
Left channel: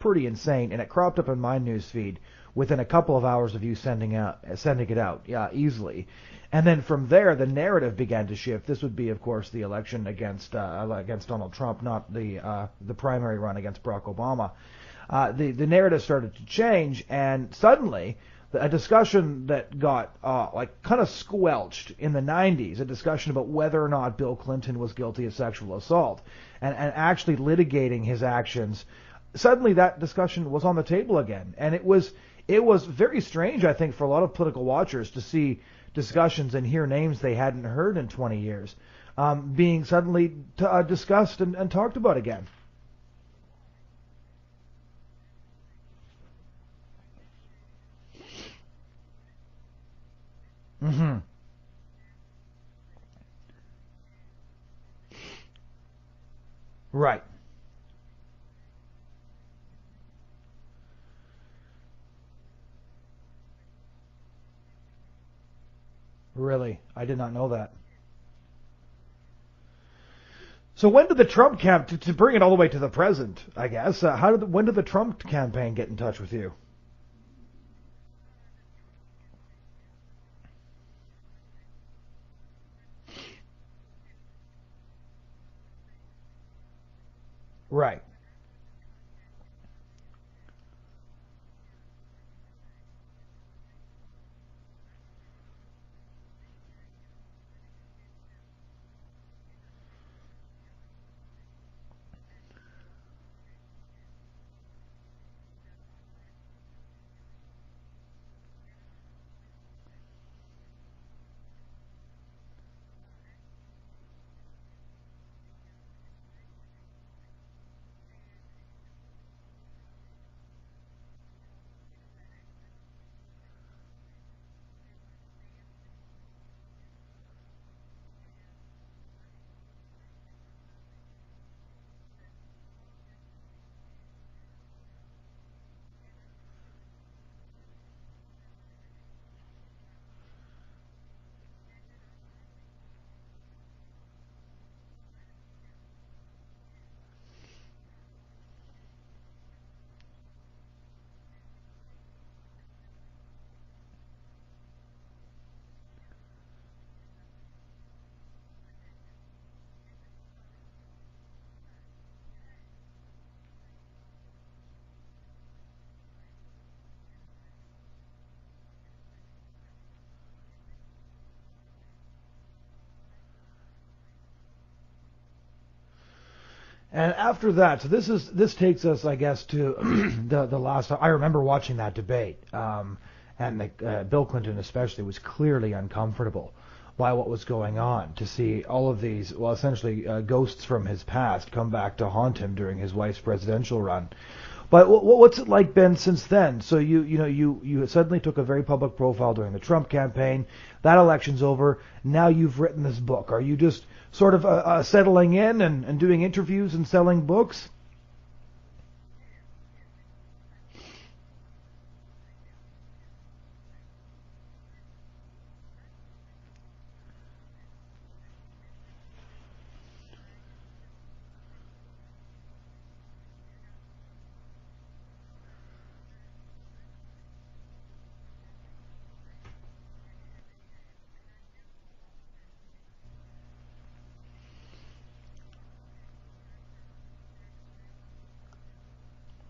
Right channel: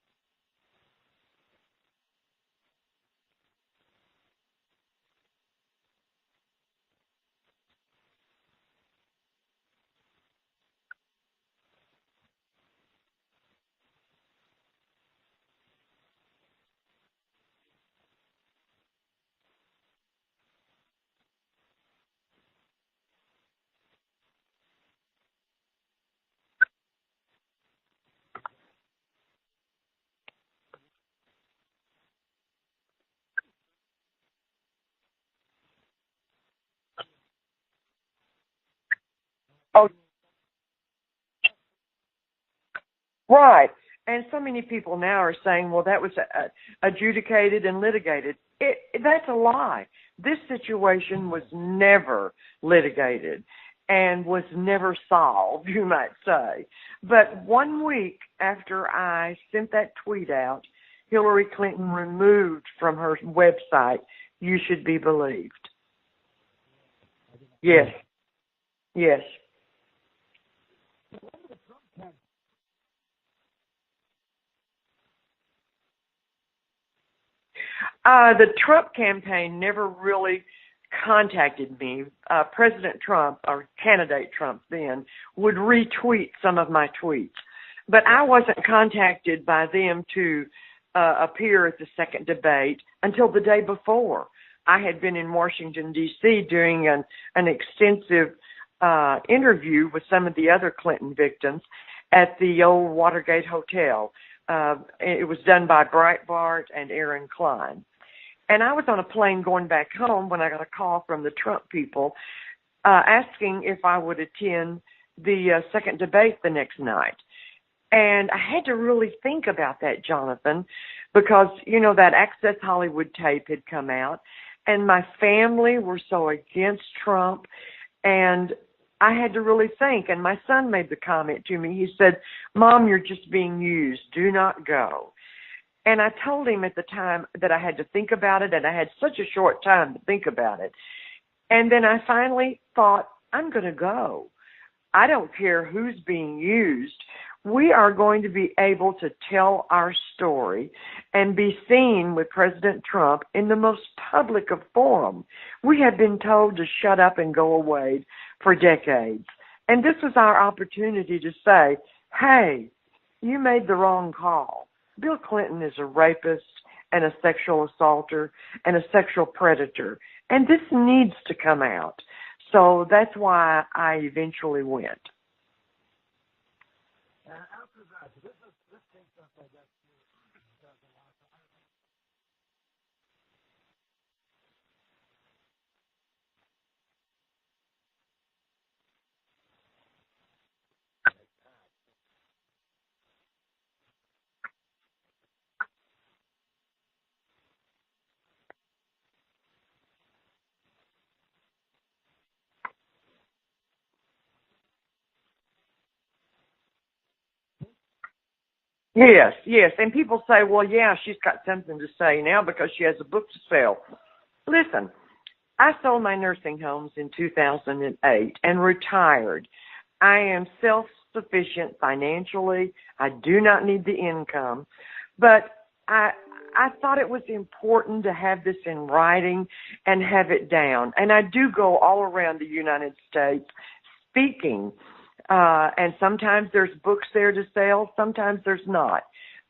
pretty insane, and it cropped up in my news feed within a couple of hours of you sending it out, yeah, easily. And then from there, the narrative began to shift. This would be, of course, the election against Donald Trump, not the primary run against Barack Obama. The narrative started to change, and suddenly a discussion that got kind of squelched in the 90s, a discussion about whether or not Bill Clinton was guilty of sexual assault, and actually litigating his actions. Suddenly that discussion was on the table again, and it was very strange, I think, for a lot of political watchers to see discussions and hear names they hadn't heard in 20 years being suddenly discussed and talked about again. Right. And so many people now are saying, well, that was adjudicated and litigated. That's a lie. This situation was never litigated and was never solved, you might say. Right. But 1 week after I sent that tweet out, Hillary Clinton removed from her website, "You Should Be Believed." Really? I did not know that. Yes. Yes. So when did the Trump to bring it all the way to the present, I guess, when did the Trump campaign get in touch with you? The Trump campaign never really contacted me. President Trump, or candidate Trump then, would retweet some of my tweets. Right. But I wasn't contacted by them to appear at the second debate until the day before. I had been in Washington, D.C. doing an extensive interview with some of the other Clinton victims at the old Watergate Hotel. It was done by Breitbart and Aaron Klein. And I was on a plane going back home when I got a call from the Trump people asking if I would attend the second debate the next night. And I had to really think about that, Jonathan, because, you know, that Access Hollywood tape had come out, and my family were so against Trump. And I had to really think. And my son made the comment to me. He said, "Mom, you're just being used. Do not go." And I told him at the time that I had to think about it, and I had such a short time to think about it. And then I finally thought, I'm going to go. I don't care who's being used. We are going to be able to tell our story and be seen with President Trump in the most public of forum. We have been told to shut up and go away for decades. And this was our opportunity to say, hey, you made the wrong call. Bill Clinton is a rapist and a sexual assaulter and a sexual predator. And this needs to come out. So that's why I eventually went. And after that, so this takes us, I guess, to the last. I remember watching that debate, and Bill Clinton especially was clearly uncomfortable by what was going on. To see all of these, well, essentially ghosts from his past come back to haunt him during his wife's presidential run. But what's it like been since then? So you suddenly took a very public profile during the Trump campaign. That election's over. Now you've written this book. Are you just sort of settling in and doing interviews and selling books? Yes. And people say, well, yeah, she's got something to say now because she has a book to sell. Listen, I sold my nursing homes in 2008 and retired. I am self-sufficient financially. I do not need the income. But I thought it was important to have this in writing and have it down. And I do go all around the United States speaking. And sometimes there's books there to sell, sometimes there's not.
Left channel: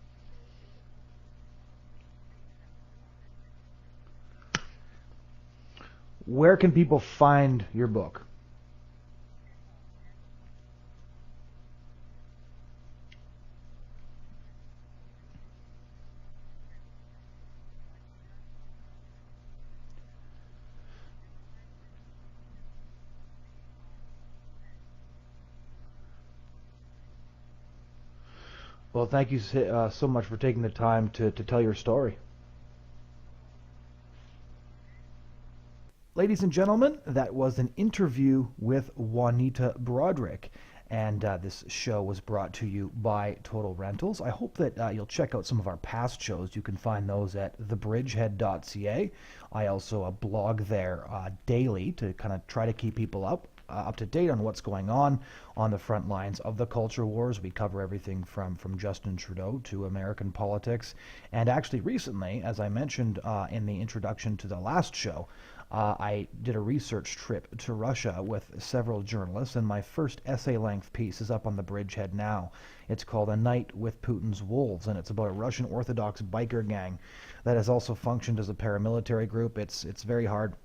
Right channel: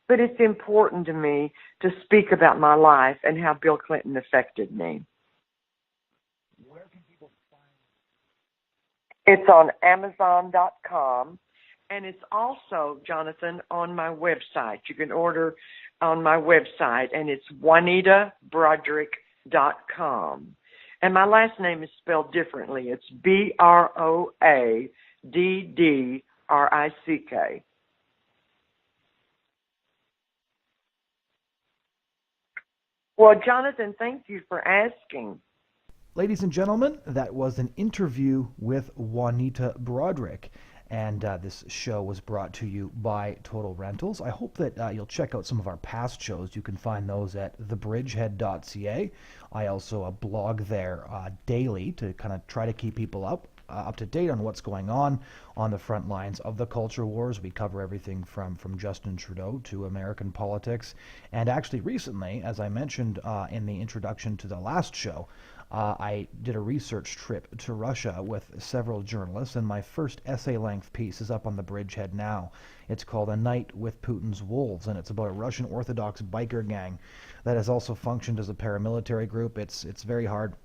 But it's important to me to speak about my life and how Bill Clinton affected me. Where can people find your book? It's on Amazon.com, and it's also, Jonathan, on my website. You can order on my website, and it's JuanitaBroaddrick.com. And my last name is spelled differently. It's Broaddrick. Well, thank you so much for taking the time to tell your story. Well, Jonathan, thank you for asking. Ladies and gentlemen, that was an interview with Juanita Broaddrick. And this show was brought to you by Total Rentals. I hope that you'll check out some of our past shows. You can find those at thebridgehead.ca. I also blog there daily to kind of try to keep people up to date on what's going on the front lines of the culture wars. We cover everything from Justin Trudeau to American politics. And actually recently, as I mentioned in the introduction to the last show, I did a research trip to Russia with several journalists, and my first essay-length piece is up on the Bridgehead now. It's called A Night with Putin's Wolves, and it's about a Russian Orthodox biker gang that has also functioned as a paramilitary group. It's very hard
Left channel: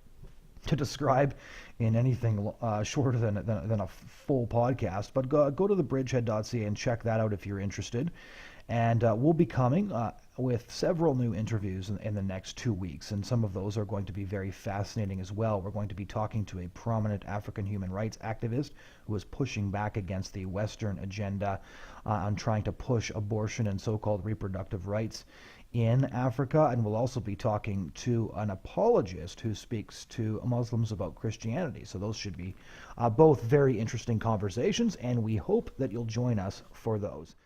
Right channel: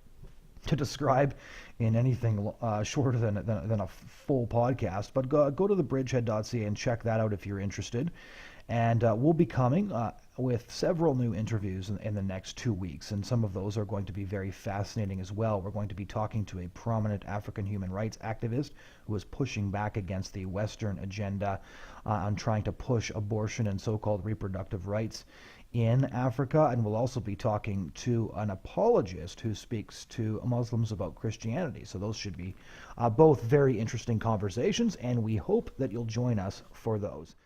to describe in anything shorter than a full podcast, but go to thebridgehead.ca and check that out if you're interested. And we'll be coming with several new interviews in the next 2 weeks, and some of those are going to be very fascinating as well. We're going to be talking to a prominent African human rights activist who is pushing back against the Western agenda on trying to push abortion and so-called reproductive rights in Africa, and we'll also be talking to an apologist who speaks to Muslims about Christianity. So those should be both very interesting conversations, and we hope that you'll join us for those.